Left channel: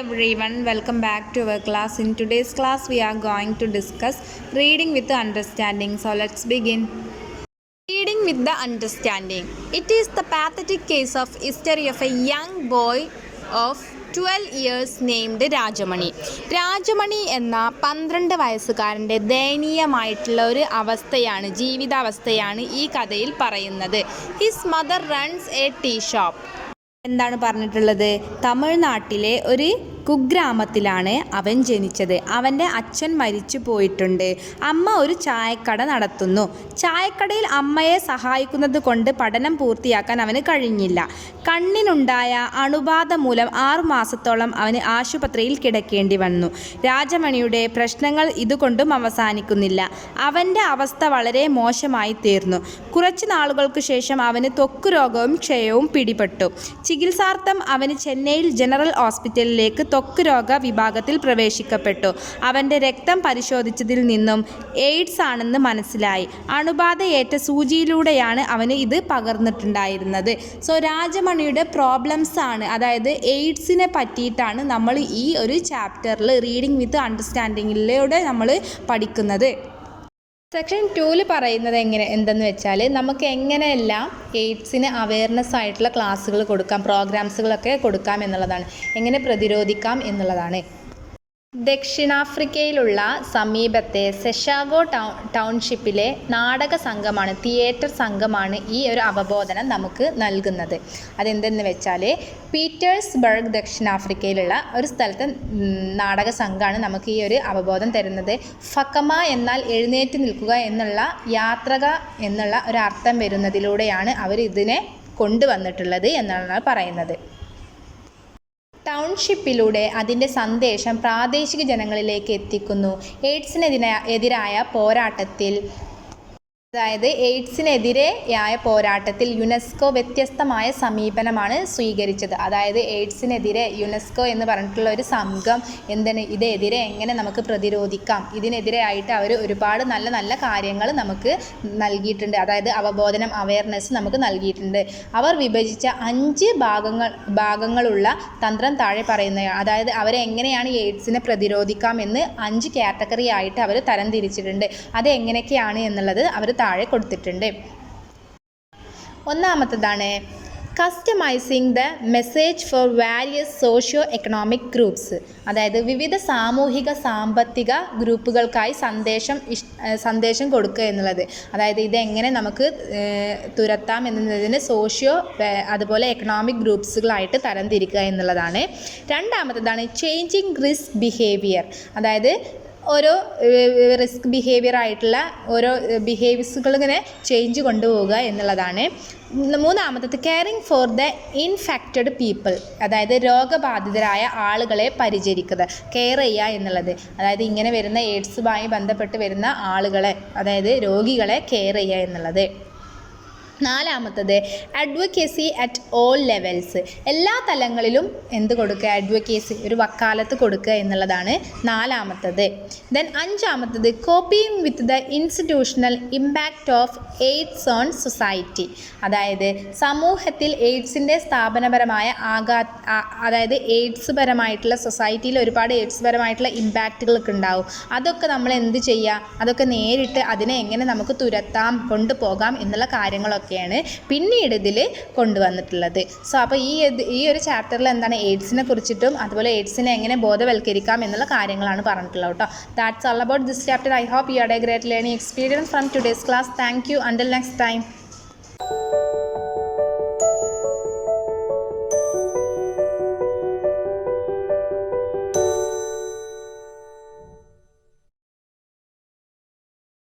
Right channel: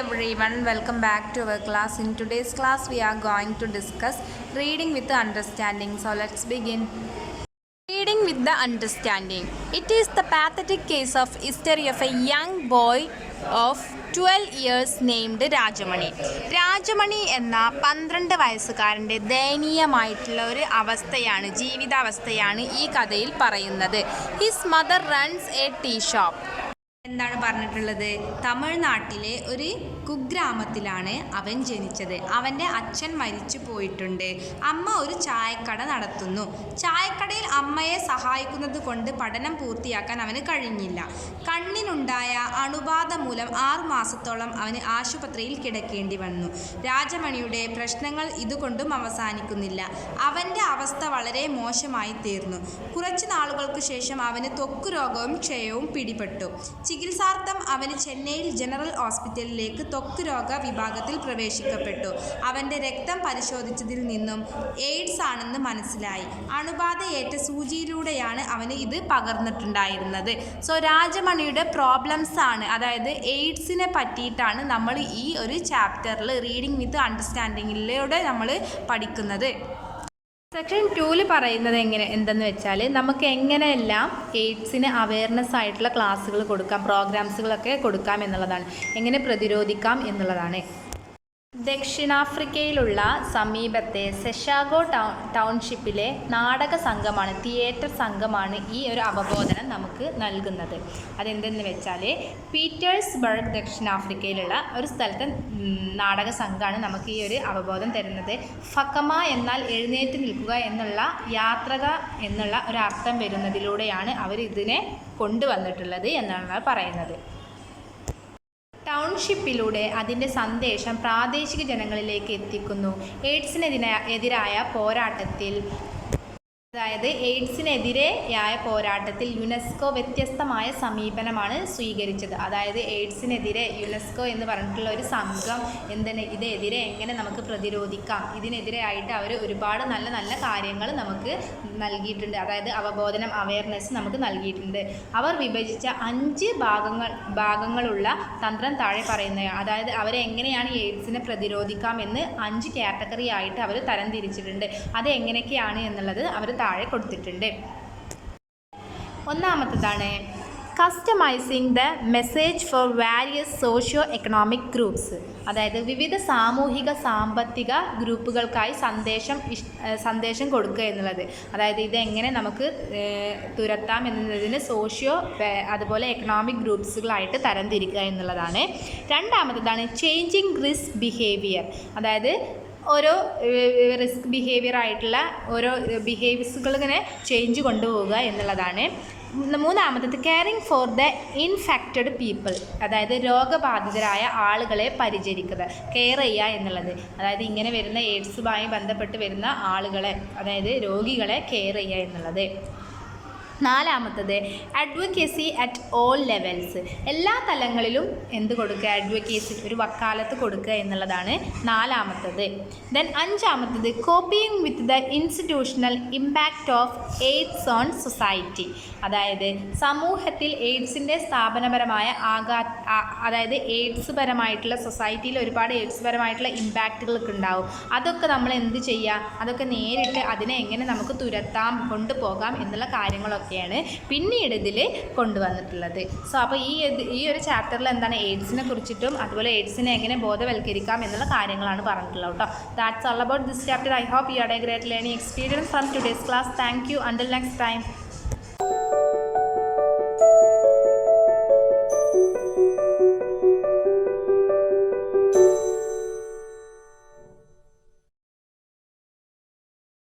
everyone, welcome back to our class. In today's class, we are going to discuss reading with the understanding. So let's begin. Reading with the understanding. It is the pathetic case of history of a young boy of 12 years named Rajamani. Rajamani എന്ന 12 വയസ്സുകാരൻ്റെ ദയനീയമായിട്ടുള്ള ഒരു അവസ്ഥയാണ്, ജീവിതാവസ്ഥയാണ് ഈ കഥയിൽ പറയുന്നത്. His mother runs a tea shop. എന്താണ് പറഞ്ഞിട്ടുള്ളത്? തമിഴ്നാട്ടിലെ ഒരു കുഗ്രാമത്തിലാണ് അവൻ ജനിച്ചത്. അവൻ്റെ അച്ഛൻ മരിച്ചു പോയിട്ടുണ്ട്. അമ്മ ഒരു ചായക്കട നടത്തുന്നു. ചായക്കടയിൽ അമ്മയെ സഹായിക്കുന്നത് കൊണ്ട് പഠനം പൂർത്തിയാക്കാൻ അവന് കഴിഞ്ഞില്ല. കണ്ണിനുണ്ടായ അണുബാധ മൂലം 6 മാസത്തോളം അവന് ആശുപത്രിയിൽ കിടക്കേണ്ടി വന്നു. രാജമണിയുടെ പ്രശ്നങ്ങൾ ഇതുകൊണ്ടും അവസാനിക്കുന്നില്ല. അവൻ്റെ അവസ്ഥ വളരെ മോശമായി തീർന്നു. കുറച്ച് നാളുകൾക്ക് ശേഷം അവന് ത്വക്ക് രോഗവും ക്ഷയവും പിടിപെട്ടു. ചികിത്സാർത്ഥം അവന് ചെന്നൈയിൽ ജനറൽ ഹോസ്പിറ്റലിലേക്ക് ത്വക്ക് രോഗ വിഭാഗത്തിൽ പ്രവേശിക്കപ്പെട്ടു. അവൻ്റെ രക്തം പരിശോധിച്ചതിൽ നിന്നും എയ്ഡ്സ് ആണെന്ന് മനസ്സിലായി. അണുബാധയേറ്റ സൂചിയിലൂടെയാണ് അവന് ഇത് പകർന്നിട്ടുണ്ടായിരുന്നത്. സോ രാജമണിയുടെ പ്രോബ്ലംസ് ആണ്, അതായത് എയ്ഡ്സിനെ പറ്റിയിട്ടാണ് നമ്മൾ ഈ ഒരു ചാപ്റ്ററിൽ റീഡിംഗ് വിത്ത് അണ്ടർസ്റ്റാൻഡിങ്ങിലൂടെ നമ്മൾ പഠിക്കുന്നത്. സെക്ഷൻ 2 പറയുന്നത് എന്തെന്ന് വെച്ചാൽ നമുക്ക് എങ്ങനെയെല്ലാം എയ്ഡ്സിന് അവയർനെസ് ആയിട്ടുള്ള ക്ലാസ്സുകൾ കൊടുക്കാം, പ്രോഗ്രാംസുകളൊക്കെ കൊടുക്കാം എന്നുള്ളതാണ്, എങ്ങനെ പ്രതിരോധിക്കാം എന്നുള്ളതാണ്. ദക്ഷിണാഫ്രിക്കയിലുള്ള സമീപത്തെ സെഷാഗോ ടൗൺഷിപ്പിലെ നാടക സംഘമാണ്, തിയേറ്റർ സംഘമാണ് ഈ ഒരു അവബോധനം നമുക്ക് നൽകുന്നത്. അതെന്തെന്ന് വെച്ചാൽ പീറ്റേഴ്സ്ബർഗ് ദക്ഷിണാഫ്രിക്കയിലുള്ള ഒരു സ്ഥലത്തെ നാടക സംഘമാണ് നമുക്ക് ഈ ഒരു അവബോധം തരുന്നത്. ഫക്കമ എന്നാൽ എഴുന്നേറ്റ് നിൽക്കുക എന്നുള്ള, യാത്രക എന്നുള്ള ഒരു അർത്ഥം വരുന്നതിലൂടെയാണ് അവർ ഇതിനെ കൊണ്ടുവന്നിട്ടുള്ളത് എന്നാണ് പറയുന്നത്. ടൗൺഷിപ്പിലൂടെ അതിൻ്റെ സന്ദേശം പ്രാദേശിക ജനങ്ങളിലേക്ക് എത്തിക്കുന്നു. എയ്ഡ്സിനെതിരായ പോരാട്ടത്തിൽ, അതായത് എയ്ഡ്സിനെതിരെയായ പോരാട്ടത്തിൽ യുനെസ്കോ വ്യത്യസ്തമായ സമീപനമാണ് സ്വീകരിച്ചത്. അതായത് എയ്ഡ്സിനെതിരെ യുനെസ്കോ എന്ന് പറഞ്ഞിട്ടുള്ള ഒരു സംഘം ഇതെതിരെ എങ്ങനെ നമുക്ക് പ്രതിരോധിക്കാം, ഇതിനെതിരെയായിട്ട് അവർ ഒരുപാട് നല്ല നല്ല കാര്യങ്ങൾ നമുക്ക് നൽകിയിട്ടുണ്ട്. അതായത് അവബോധനം, അവയർനെസ് നമുക്ക് നൽകിയിട്ടുണ്ട്. അവർ വിഭജിച്ച 5 ഭാഗങ്ങളുള്ള തന്ത്രം താഴെ പറയുന്നതാണ്. അതായത് അവരെ എങ്ങനെയാണ് എയ്ഡ്സിനെ പ്രതിരോധിക്കാം എന്ന് 5 കാറ്റഗറി ആയിട്ട് അവർ തരംതിരിച്ചിട്ടുണ്ട്. അത് എങ്ങനെയൊക്കെയാണ് എന്നുള്ളത് അവർ താഴെ കൊടുത്തിട്ടുണ്ട്. ഒന്നാമത്തേതാണ് customising the message for various socio economic groups. അതായത് വിവിധ സാമൂഹിക സാമ്പത്തിക ഗ്രൂപ്പുകൾക്കായി സന്ദേശം കൊടുക്കുക എന്നുള്ളത്. അതായത് ഇതെങ്ങനെ നമുക്ക് തുരത്താം എന്നതിന് സോഷ്യോ അതുപോലെ എക്കണോമിക് ഗ്രൂപ്പ്സുകളായിട്ട് തരംതിരിക്കുക എന്നുള്ളതാണ്. രണ്ടാമത്തേതാണ് ചേഞ്ചിങ് റിസ്ക് ബിഹേവിയർ. അതായത് ഓരോ റിസ്ക് ബിഹേവിയർ ആയിട്ടുള്ള ഓരോ ബിഹേവിയേഴ്സുകൾ ഇങ്ങനെ ചേഞ്ച് കൊണ്ടുപോവുക എന്നുള്ളതാണ്. മൂന്നാമത്തത് caring for the infected people. അതായത് രോഗബാധിതരായ ആളുകളെ പരിചരിക്കുക, കെയർ ചെയ്യുക എന്നുള്ളത്. അതായത് ഇങ്ങനെ വരുന്ന എയ്ഡ്സുമായി ബന്ധപ്പെട്ട് വരുന്ന ആളുകളെ, അതായത് രോഗികളെ കെയർ ചെയ്യുക എന്നുള്ളത്. നാലാമത്തത് അഡ്വക്കേസി അറ്റ് ഓൾ ലെവൽസ്. എല്ലാ തലങ്ങളിലും എന്ത് കൊടുക്കുക? അഡ്വക്കേസി, ഒരു വക്കാലത്ത് കൊടുക്കുക എന്നുള്ളതാണ് നാലാമത്തത്. ദെൻ അഞ്ചാമത്തത് coping with the institutional impact of AIDS on society. അതായത് സമൂഹത്തിൽ എയ്ഡ്സിൻ്റെ സ്ഥാപനപരമായ അതായത് എയ്ഡ്സ് പരമായിട്ടുള്ള സൊസൈറ്റിയിൽ ഒരുപാട് എയ്ഡ്സ് പരമായിട്ടുള്ള ഇമ്പാക്റ്റുകളൊക്കെ ഉണ്ടാവും. അതൊക്കെ നമ്മൾ എന്ത് ചെയ്യുക? അതൊക്കെ നേരിട്ട് അതിനെ എങ്ങനെ നമുക്ക് തുരത്താം, കൊണ്ടുപോകാം എന്നുള്ള കാര്യങ്ങളൊക്കെ പിന്നീട് ഇതിൽ കൊണ്ടുവന്നിട്ടുള്ളത്. സോ അപ്പോൾ ഈ ഒരു ചാപ്റ്ററിൽ എന്താണ് എയ്ഡ്സിനെ കുറിച്ചിട്ടും അതുപോലെ എയ്ഡ്സിനെ എങ്ങനെ ബോധവൽക്കരിക്കാം എന്നുള്ള കാര്യങ്ങളാണ് പറഞ്ഞിട്ടുള്ളത് കേട്ടോ. That's all about this chapter. I hope you had a great learning experience from today's class. Thank you. Until next time.